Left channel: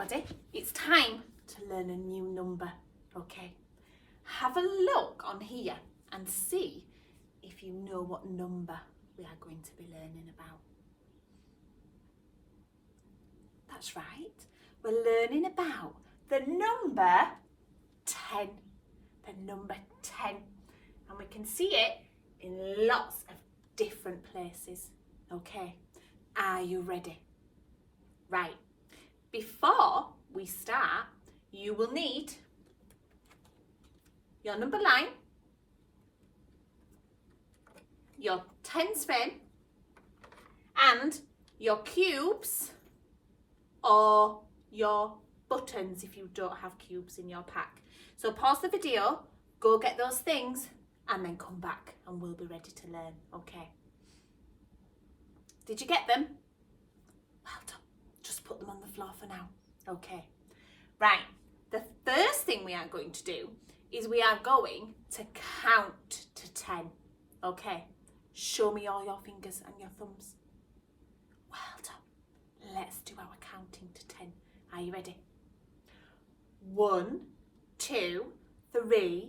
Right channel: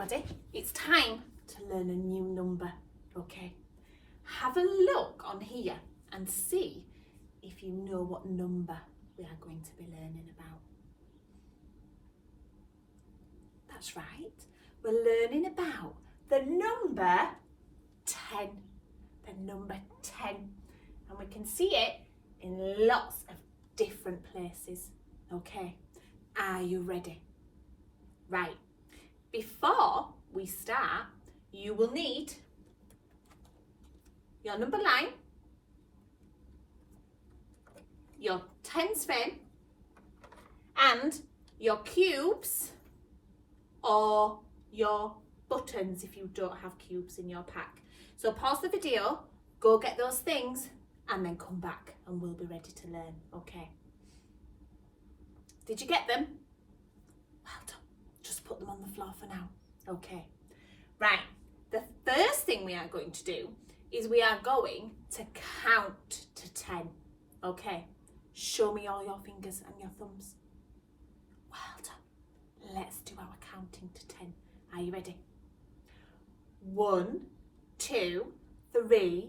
everybody, it's time to learn a new number, okay? Have a look on here and see if you know what number we are going to be learning about. That's right, we're learning about the number 10, the number 10. And we can see it in lots of different places, okay? Are you ready? Right, before we start, you will need your number line, your tens fin, and your cubes or your buttons if you don't have cubes in your pack. So pause the video, go get those things, and then come back and we'll be ready to learn, okay? Did you get them? Well done. Just put them on the floor for now, okay? Right, the first thing we are going to do is we are going to count to 10, okay? Show me all your fingers and your thumbs. Well done. Let's do our counting to 10. Are you ready? 1, 2, 3,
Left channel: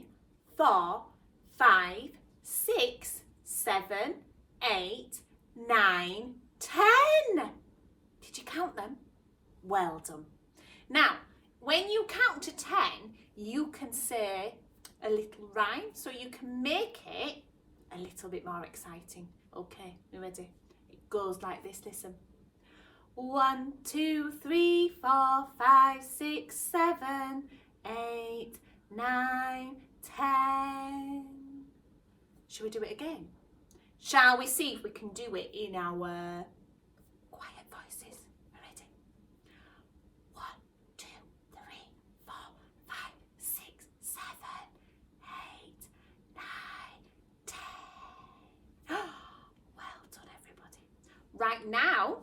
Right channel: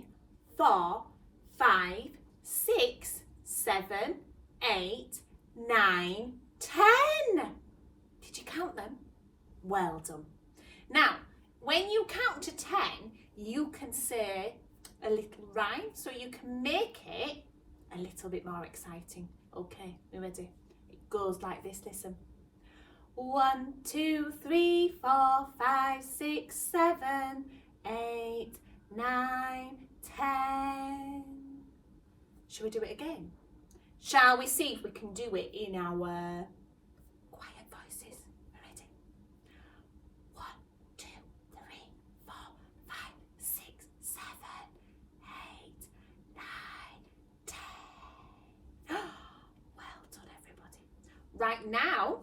4, 5, 6, 7, 8, 9, 10. Did you count them? Well done. Now, when you count to 10, you can say a little rhyme, so you can make it a little bit more exciting. Okay, you ready? It goes like this, listen. 1, 2, 3, 4, 5, 6, 7, 8, 9, 10. Shall we do it again? Shall we see if we can do it in our quiet voices? Ready? 1, 2, 3, 4, 5, 6, 7, 8, 9, 10. Well done, everybody. Right now,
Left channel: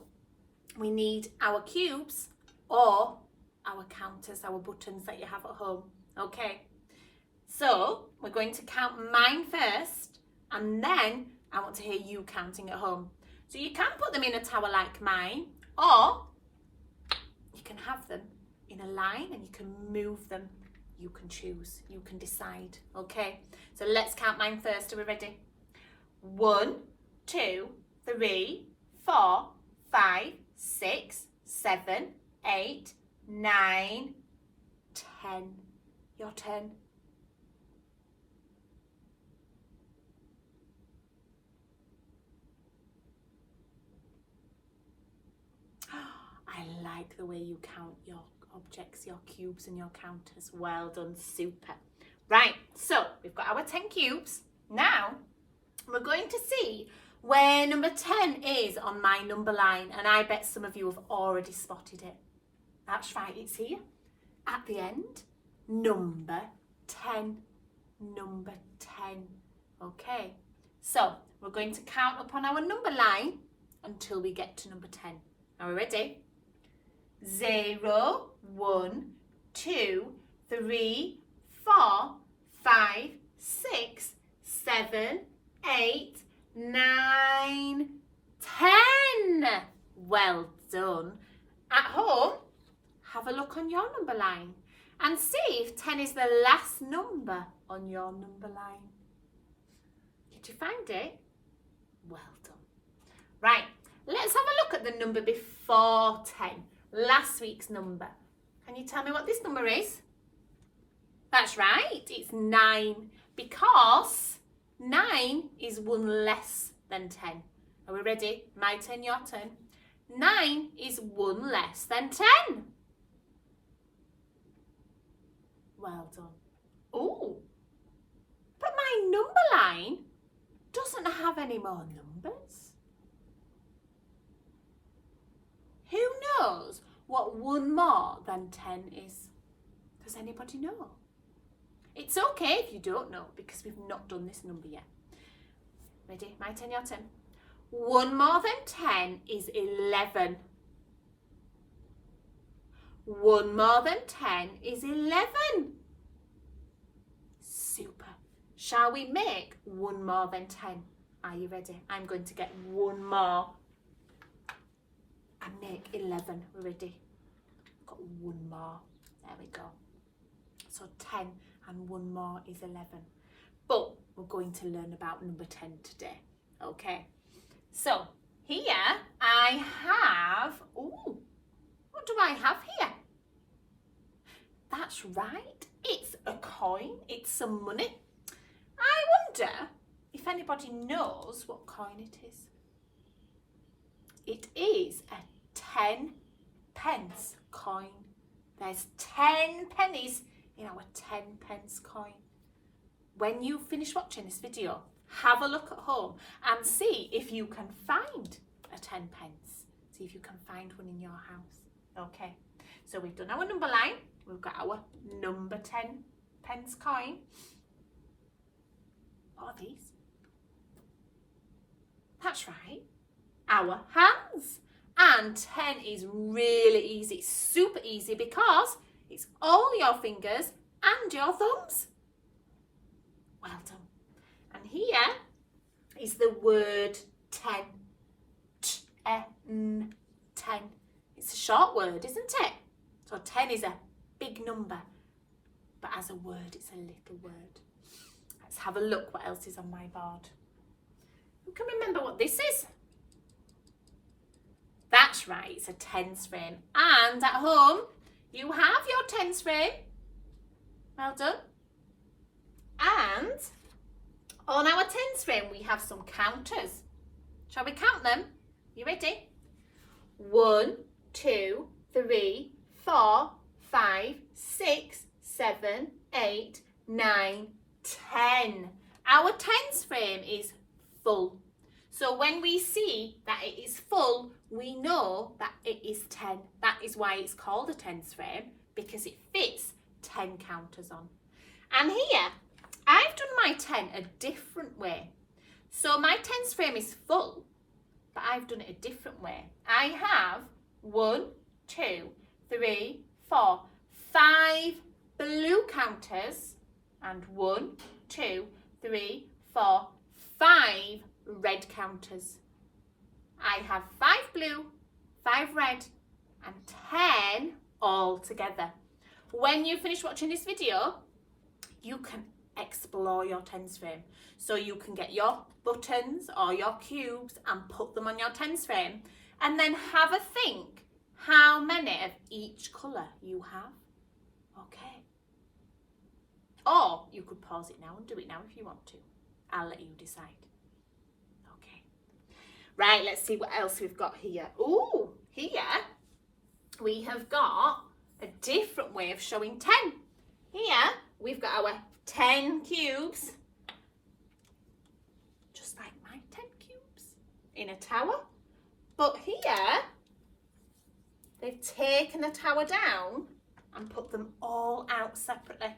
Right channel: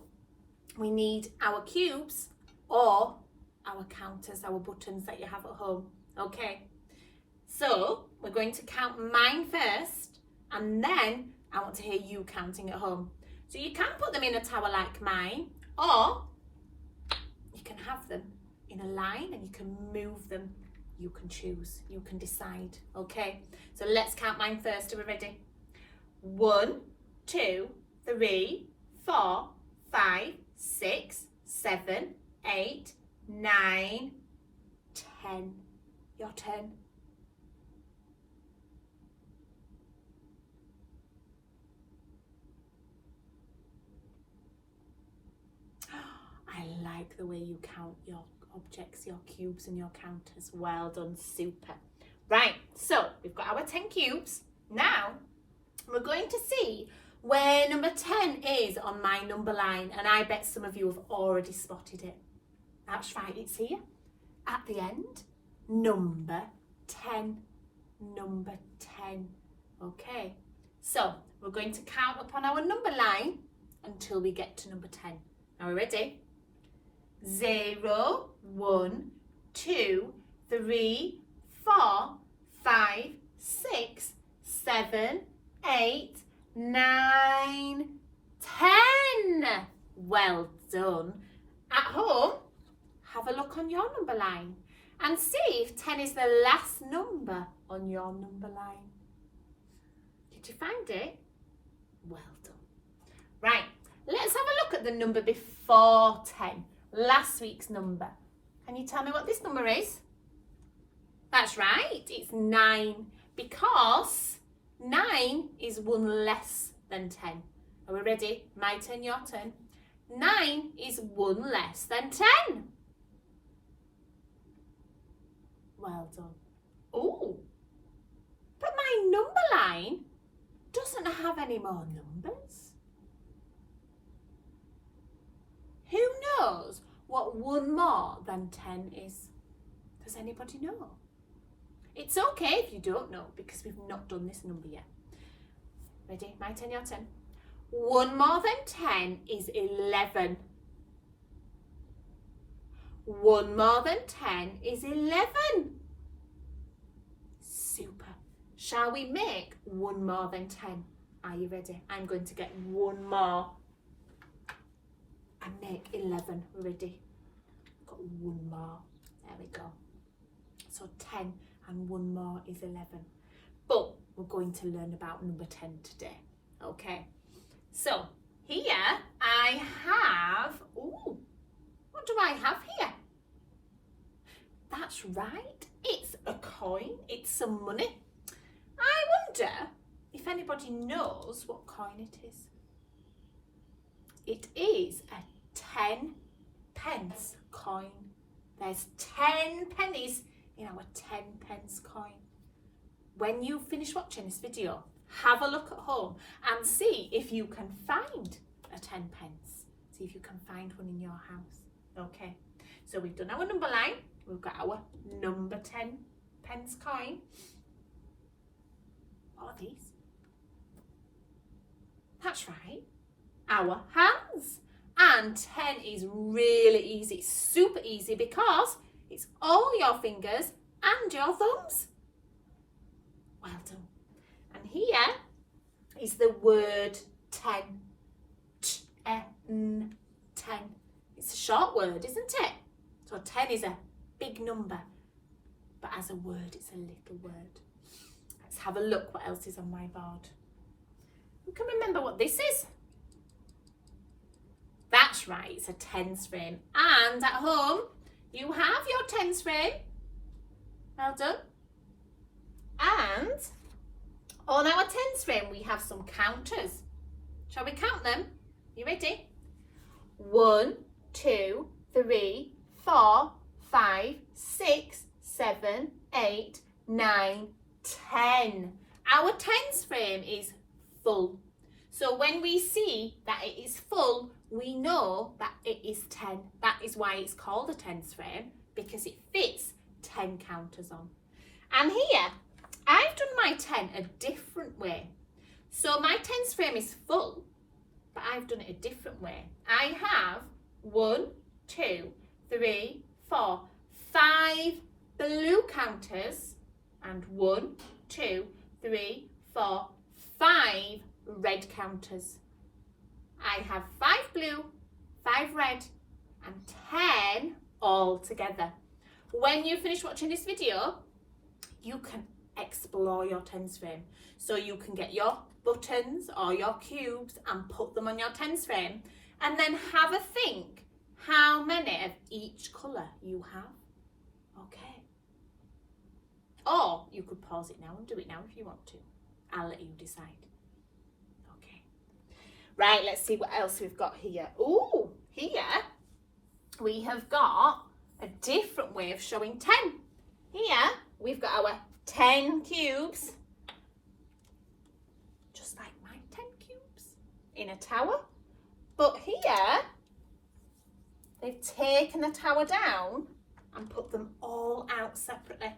we need our cubes or our counters, our buttons that you have at home. Okay, so we're going to count mine first, and then I want to hear you counting at home. So you can put them in a tower like mine, or you can have them in a line and you can move them. You can choose, you can decide. Okay, so let's count mine first. Are we ready? 1, 2, 3, 4, 5, 6, 7, 8, 9, 10. Your turn. I like the way you count your objects, your cubes and your counters. Well done, super. Right, so we've got our 10 cubes. Now we're going to see where number 10 is on my number line, and I bet some of you have already spotted it. That's right, it's here at the end. Number 10, number 10. Okay, so we're going to count upon our number line until we get to number 10. Are we ready? 0, 1, 2, 3, 4, 5, 6, 7, 8, 9, 10. Well done. At home, have a look on your number line and see if 10 is the last number on your number line. Did you find it? Well done. Right, let's have a look at the number before 10, last week's number. Can you tell me what this number is? That's right, it's 9, because 9 is 1 less than 10. Are we ready? My turn, your turn. 9 is 1 less than 10. Well done. Oh, but my number line doesn't have any more numbers. Who knows what 1 more than 10 is? Does anybody know? It's okay if you don't know, because we've not done this number yet. Ready? My turn, your turn. 1 more than 10 is 11. 1 more than 10 is 11. Super. Shall we make 1 more than 10? Are you ready? I'm going to get 1 more and make 11. Ready? got one more. There we go. So 10 and one more is 11. But we're going to learn about number 10 today. Okay. So here I have, ooh, what do I have here? That's right. It's a coin. It's some money. I wonder if anybody knows what coin it is. It is a 10 pence coin. There's 10 pennies in our 10 pence coin. When you finish watching this video, have a look at home and see if you can find a 10 pence. See if you can find one in your house. Okay, so we've done our number line. We've got our number 10 pence coin. What are these? That's right, our hands. And 10 is really easy. It's super easy because it's all your fingers and your thumbs. Well done. And here is the word 10. T-E-N, 10. It's a short word, isn't it? So 10 is a big number, but as a word, it's a little word. Let's have a look what else is on my board. Who can remember what this is? That's right, it's a tens frame. And at home, you have your tens frame. Well done. And on our tens frame, we have some counters. Shall we count them? You ready? 1, 2, 3, 4, 5, 6, 7, 8, 9, 10. Our tens frame is full. So when we see that it is full, we know that it is 10. That is why it's called a tens frame, because it fits 10 counters on. And here, I've done my 10 a different way. So my tens frame is full, but I've done it a different way. I have 1, 2, 3, 4, 5 blue counters and 1, 2, 3, 4, 5 red counters. I have 5 blue, 5 red and 10 all together. When you finish watching this video, you can explore your tens frame. So you can get your buttons or your cubes and put them on your tens frame and then have a think how many of each colour you have. Okay. Or you could pause it now and do it now if you want to. I'll let you decide. Okay. Right, let's see what else we've got here. Ooh, here we have got a different way of showing 10. Here we've got our 10 cubes, just like my 10 cubes in a tower. But here they've taken the tower down and put them all out separately.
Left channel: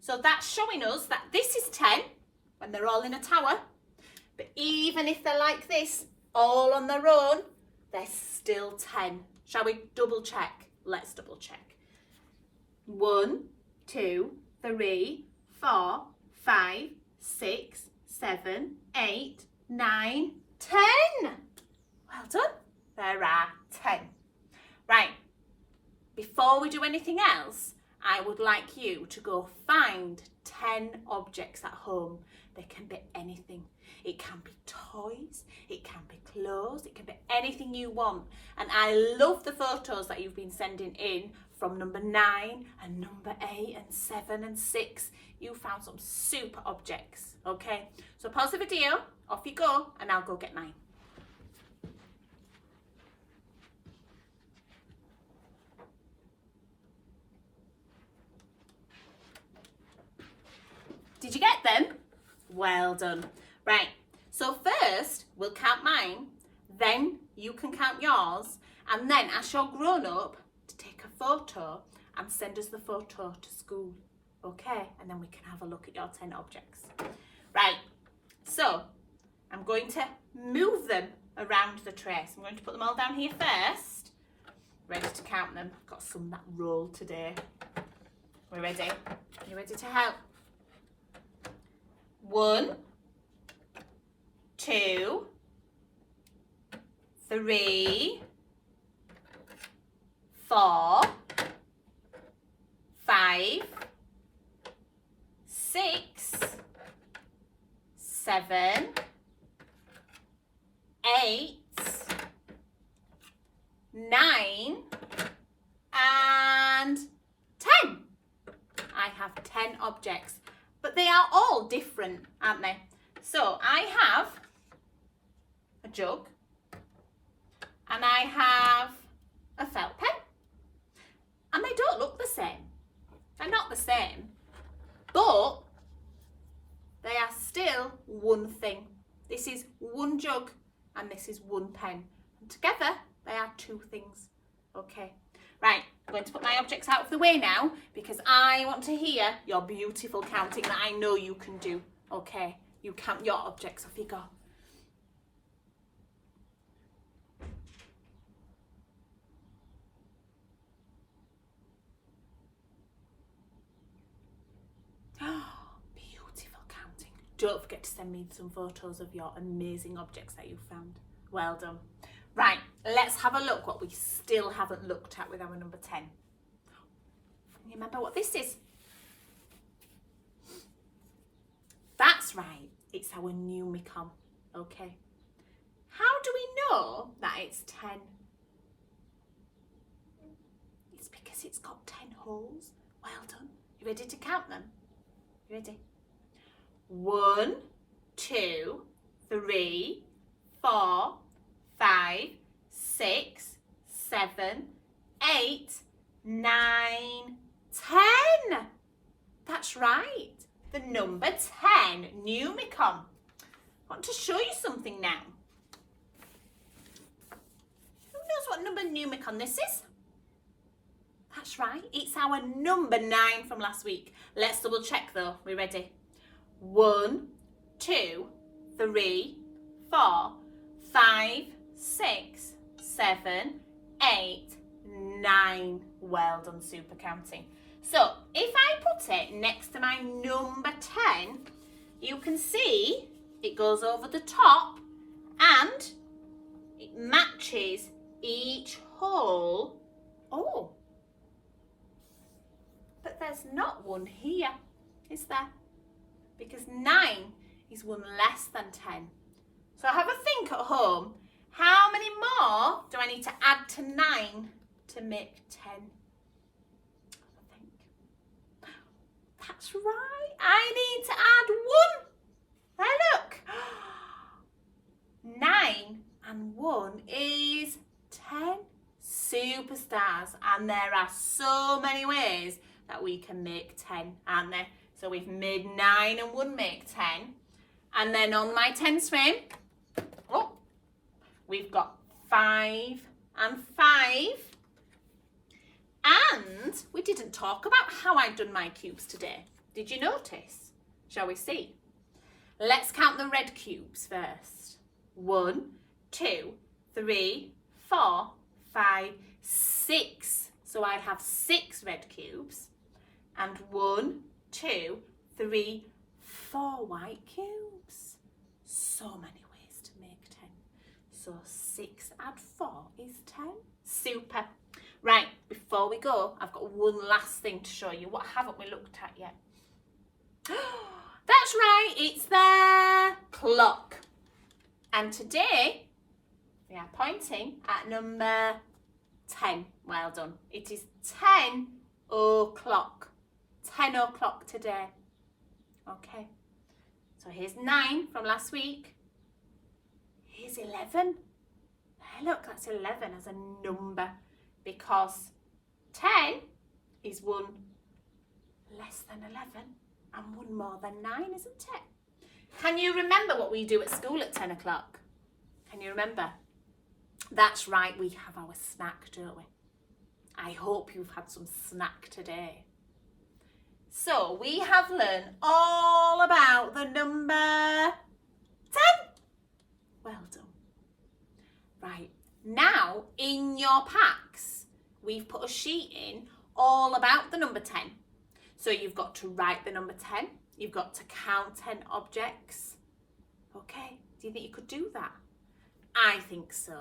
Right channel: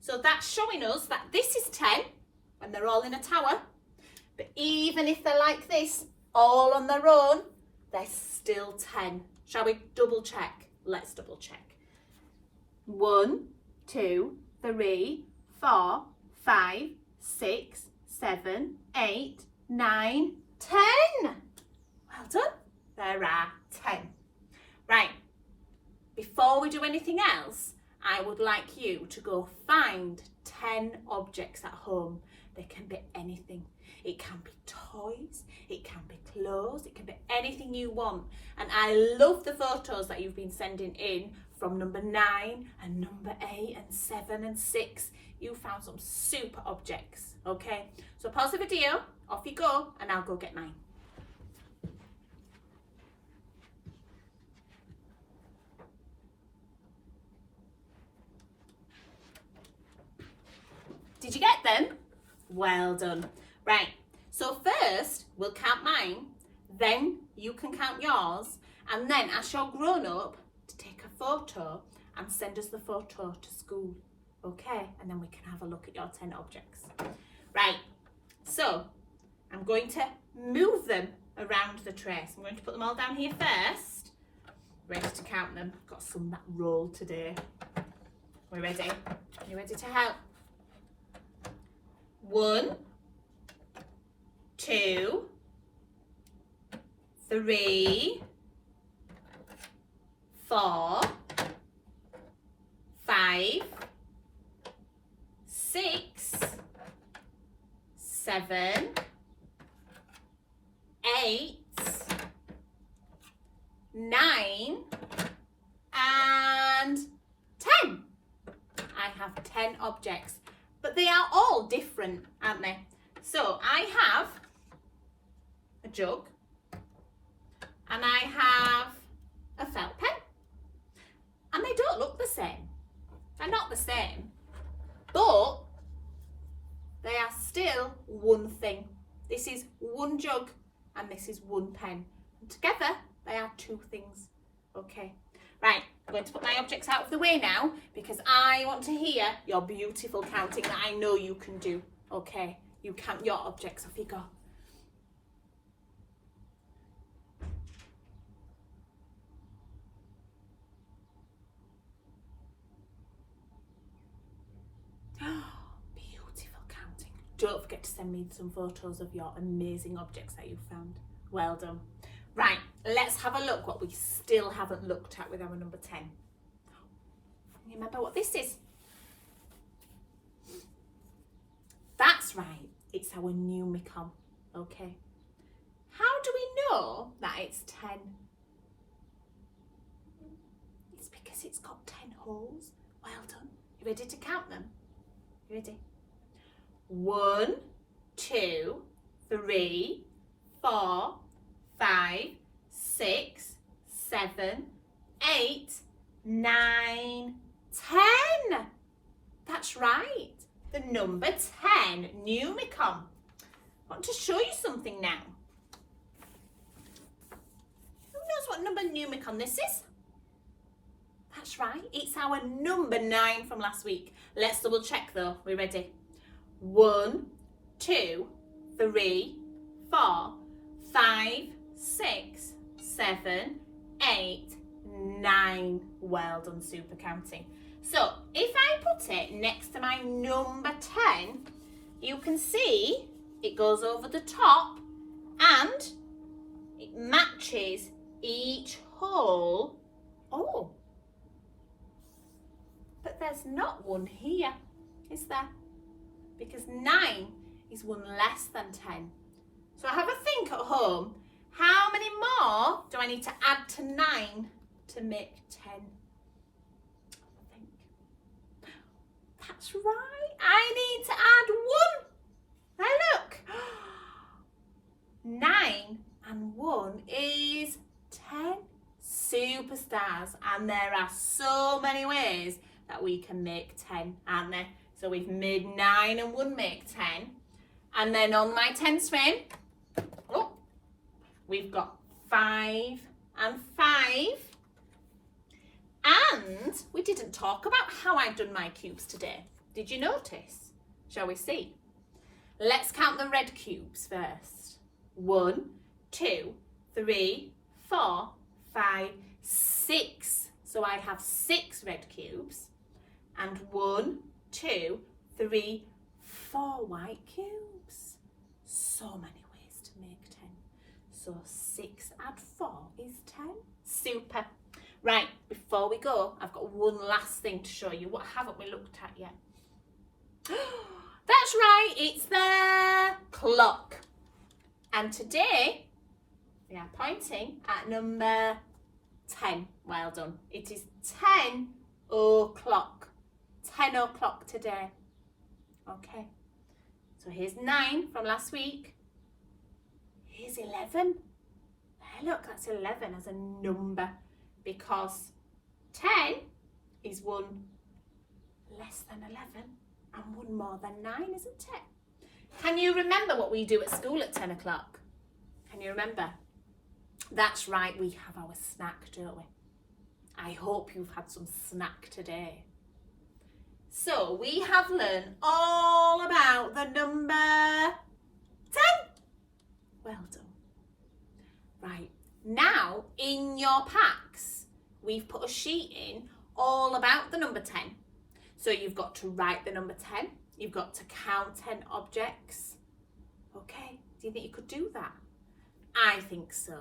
So that's showing us that this is 10 when they're all in a tower. But even if they're like this, all on their own, they're still 10. Shall we double check? Let's double check. 1, 2, 3, 4, 5, 6, 7, 8, 9, 10. Well done. There are 10. Right. Before we do anything else, I would like you to go find 10 objects at home. They can be anything. It can be toys, it can be clothes, it can be anything you want. And I love the photos that you've been sending in from number 9 and number 8 and 7 and 6. You found some super objects, okay? So pause the video, off you go, and I'll go get mine. Did you get them? Well done. Right, so first we'll count mine, then you can count yours, and then as you're grown up, to take a photo and send us the photo to school, okay? And then we can have a look at your 10 objects. Right, so I'm going to move them around the tray. So I'm going to put them all down here first, ready to count them. I've got some that roll today. We're ready? Are you ready to help? 1, 2, 3, 4, 5, 6, 7, 8, 9, and 10. I have 10 objects, but they are all different, aren't they? So I have a jug, and I have a felt pen, and they don't look the same. They're not the same, but they are still one thing. This is one jug and this is one pen. And together they are two things. Okay, right, I'm going to put my objects out of the way now because I want to hear your beautiful counting that I know you can do. Okay, you count your objects, off you go. Beautiful counting. Don't forget to send me some photos of your amazing objects that you found. Well done. Right, let's have a look what we still haven't looked at with our number 10. You remember what this is? That's right, it's our Numicon. Okay. How do we know that it's 10? It's because it's got 10 holes. Well done. You ready to count them? You ready? 1, 2, 3, 4, 5, 6, 7, 8, 9, 10. That's right. The number 10, Numicon. I want to show you something now. Who knows what number Numicon this is? That's right. It's our number 9 from last week. Let's double check though. We're ready. 1, 2, 3, 4, 5, 6, 7, 8, 9. Well done, super counting. So if I put it next to my number 10, you can see it goes over the top and it matches each hole. Oh, but there's not one here, is there? Because 9 is one less than 10. So have a think at home. How many more do I need to add to 9 to make 10? I think. That's right. I need to add 1. Now look. 9 and 1 is 10. Superstars. And there are so many ways that we can make 10, aren't there? So we've made 9 and 1 make 10. And then on my 10 swim, oh, we've got 5 and 5. And we didn't talk about how I've done my cubes today. Did you notice? Shall we see? Let's count the red cubes first. 1, 2, 3, 4, 5, 6. So I have 6 red cubes. And 1, 2, 3, 4 white cubes. So many ways to make 10. So 6 add 4 is 10. Super. Right, before we go, I've got one last thing to show you. What haven't we looked at yet? That's right, it's the clock. And today, we are pointing at number 10. Well done. It is 10 o'clock. 10 o'clock today. Okay. So here's 9 from last week. Here's 11. Hey, look, that's 11 as a number because 10 is 1 less than 11 and 1 more than 9, isn't it? Can you remember what we do at school at 10 o'clock? Can you remember? That's right, we have our snack, don't we? I hope you've had some snack today. So we have learned all about the number 10. Well done. Right, now in your packs, we've put a sheet in all about the number 10. So you've got to write the number 10. You've got to count 10 objects. Okay, do you think you could do that? I think so.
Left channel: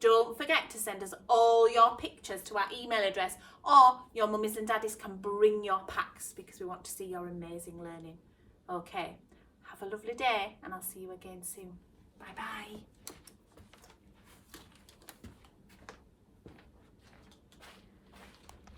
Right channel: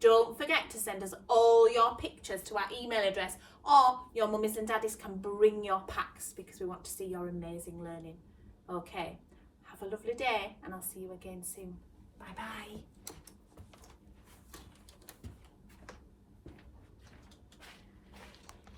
Don't forget to send us all your pictures to our email address, or your mummies and daddies can bring your packs because we want to see your amazing learning. Okay, have a lovely day and I'll see you again soon. Bye bye.